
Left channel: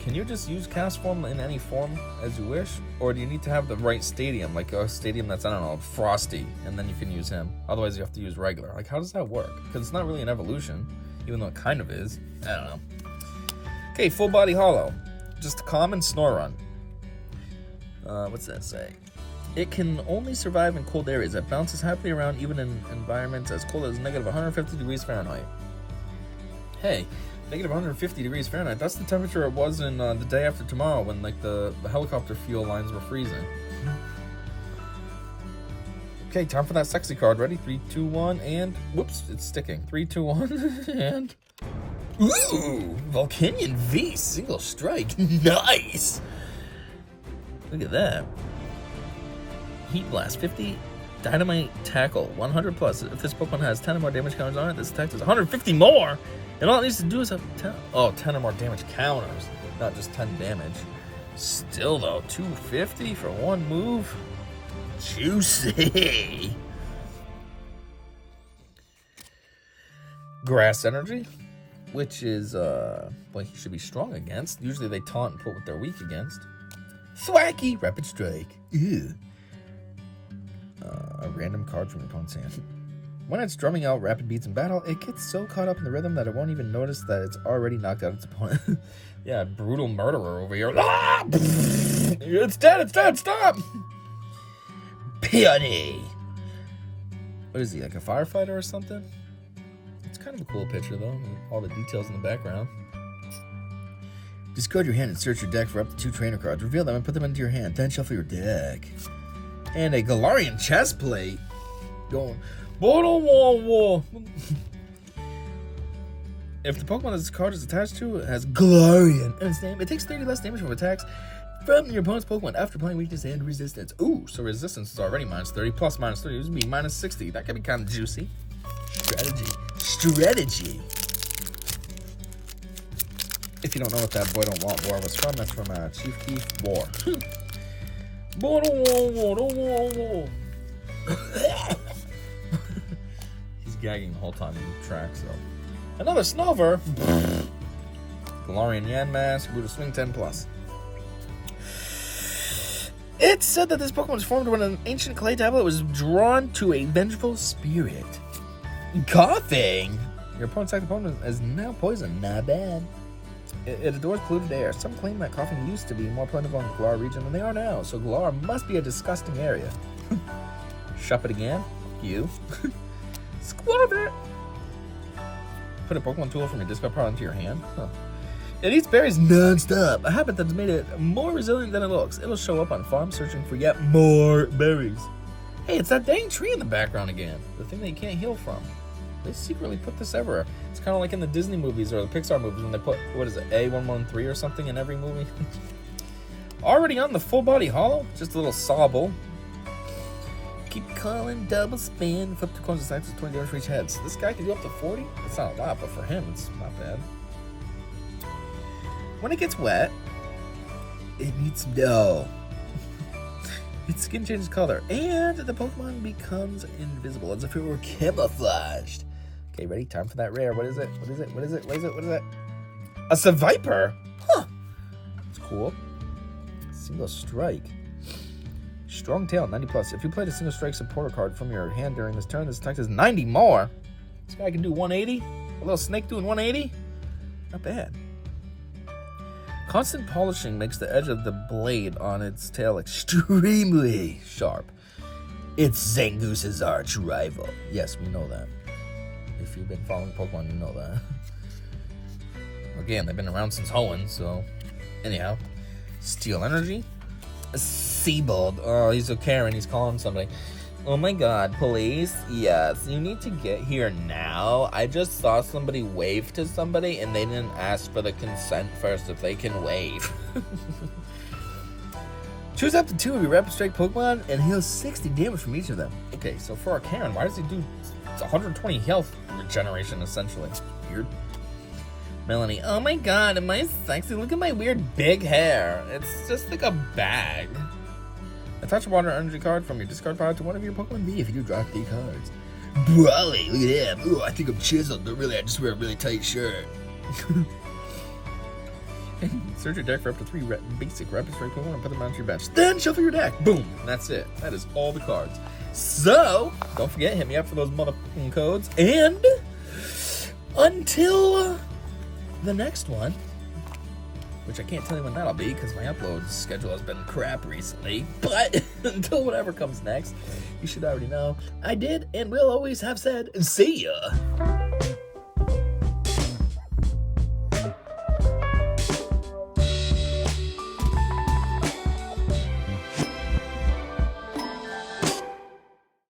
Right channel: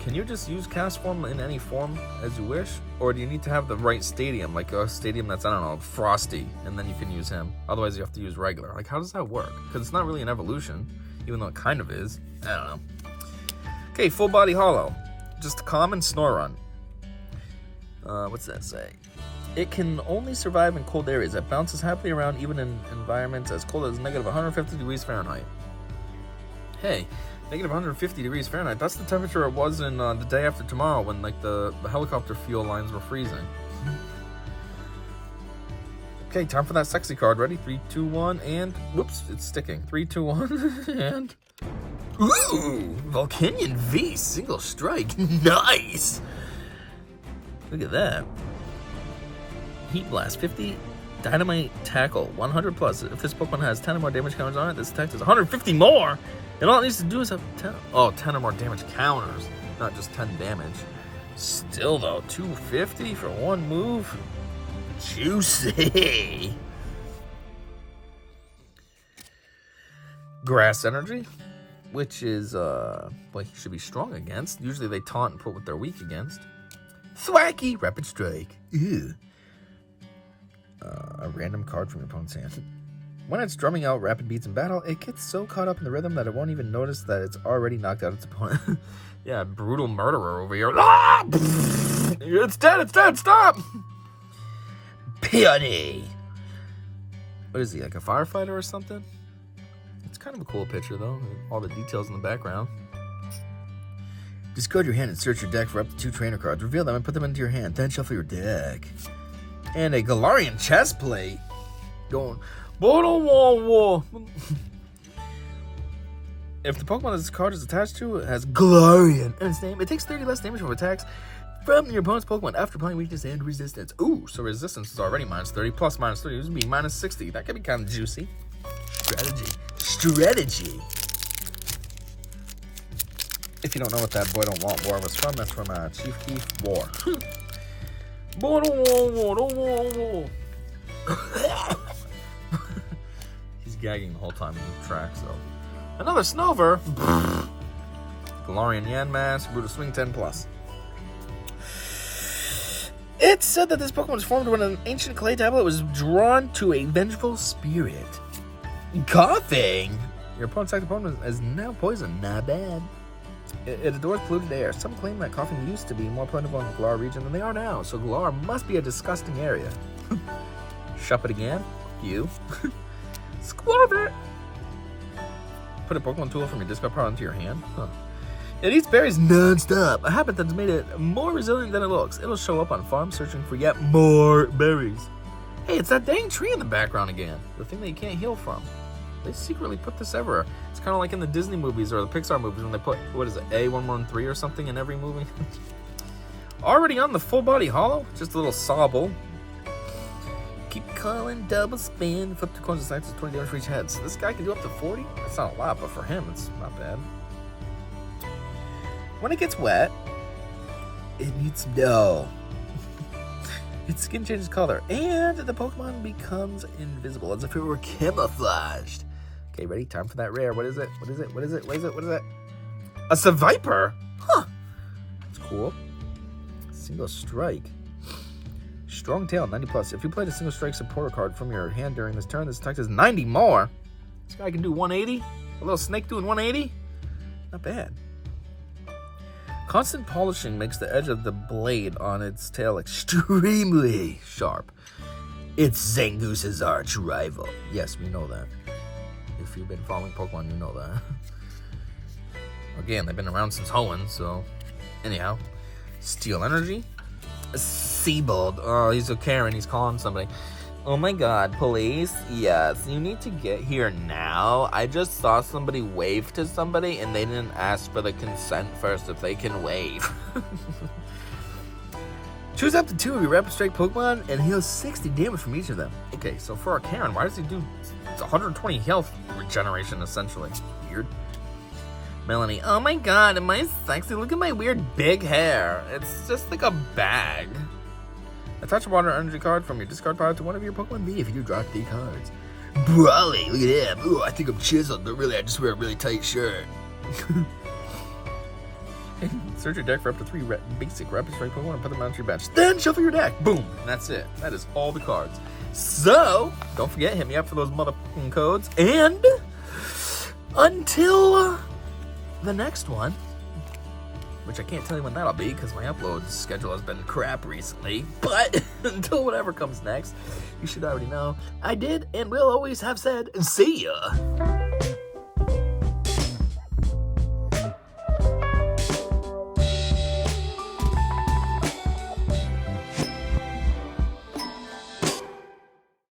can you just use cast form in any form as you wish? Or do you need to have the right stadium, like a stadium that's, I don't know, Frosty, and then you can use him? Otherwise, you have to use regular. Like, how does that work? Because it's not really an evolution, even though it kind of is. I don't know. Okay, full body hollow. Just common Snorunt. What's that say? It can only survive in cold areas. It bounces happily around even in environments as cold as negative 150 degrees Fahrenheit. Hey, negative 150 degrees Fahrenheit. That's the temperature it was in the day after tomorrow when like the helicopter fuel lines were freezing. Okay, time for that sexy card. Ready? 3, 2, 1, and whoops, it's sticking. 3, 2, 1, and Ooh, Volcanion V, single strike. Nice. Look at that. Heat Blast 50, Dynamite Tackle 100 plus. If this Pokemon has 10 or more damage counters on it, this attack does 150 more. And all it needs to do is have 10 or more damage counters, not just 10 damage. Still though, 250 for one move. Juicy. Grass Energy, which is he should be strong against. Usually they taunt and put what they're weak against. Thwacky, Rapid Strike. Ew. A random card from your opponent's hand. When it's drumming out rapid beats in battle, it gets so caught up in the rhythm that it won't even notice that it's already knocked out its opponent. Yeah, brutal murderer over here. Ah! It's dead, stop! Peony. What is he, like a firefighter or something? It's kind of a cool picture though, all the details in the background. Discard your hand and search your deck for up to 2 trainer cards. Reveal them and put them into your hand. Then shuffle your deck. And a Galarian chest plate. Going, whoa. If the Pokemon this card is attached to has Galarian in its name, it takes 30 less damage from attacks from your opponent's Pokemon after applying weakness and resistance. Ooh, so resistance is already minus 30 plus minus 30. This would be minus 60. That could be kind of juicy. Strategy. If you don't know what that Boy Don't Want War was from, that's from Chief Keef War. Boy don't want war. He's gagging the whole time in the track, so. Another Snover. Galarian Yanmask, Brutal Swing 10 plus. It's said that this Pokemon was formed when an ancient clay tablet was drawn to a vengeful spirit. Coughing. Your opponent's active opponent is now poisoned. Not bad. It adores polluted air. Some claim that coughing used to be more plentiful in the Galar region than they are now, so Galar must be a disgusting area. Shup it again. You. Squab it. Put a Pokemon tool from your discard pile into your hand. Huh. It eats berries non-stop, a habit that's made it more resilient than it looks. It'll show up on farms searching for yet more berries. Hey, it's that dang tree in the background again. The thing that you can't heal from. They secretly put this everywhere. It's kind of like in the Disney movies or the Pixar movies when they put, what is it, A113 or something in every movie? Already on the full body hollow, just a little Sobble. Keep calling, double spin, flip 2 coins and sides, 20 damage for each head. So this guy can do up to 40? That's not a lot, but for him, it's not bad. When it gets wet, it needs some dough. Its skin changes color, and the Pokemon becomes invisible, as if it were camouflaged. Okay, ready? Time for that rare. What is it? What is it? What is it? What is it? What is it? A Seviper? Huh. That's cool. Single strike. Strong tail, 90 plus. If you played a single strike supporter card from your hand during this turn, this attack does 90 more. This guy can do 180. A little snake doing 180. Not bad. Constant polishing makes the edge of the blade on its tail extremely sharp. It's Zangoose's arch rival. Yes, we know that. If you've been following Pokemon, you know that. Again, they've been around since Hoenn, so... Anyhow. Steel Energy. Seabold. Oh, he's a Karen. He's calling somebody. Oh my god, police. Yes, you need to get here now. I just saw somebody wave to somebody and they didn't ask for the consent first if they can wave. Choose up to 2 of your Rapid Strike Pokemon and heal 60 damage from each of them. Okay, so for our Karen, why does he do 120 health regeneration essentially? It's weird. Melanie, oh my god, am I sexy? Look at my weird big hair. It's just like a bag. Attach a water energy card from your discard pile to one of your Pokemon V if you do draw 3 cards. Brawly, look at him. Ooh, I think I'm chiseled, but really I just wear a really tight shirt. Search your deck for up to 3 basic Rapid Strike Pokemon and put them onto your bench. Then shuffle your deck. Boom. And that's it. That is all the cards. So, don't forget, hit me up for those motherfucking codes. And until the next one, which I can't tell you when that'll be because my upload schedule has been crap recently. But until whatever comes next, you should already know I did and will always have said, see ya.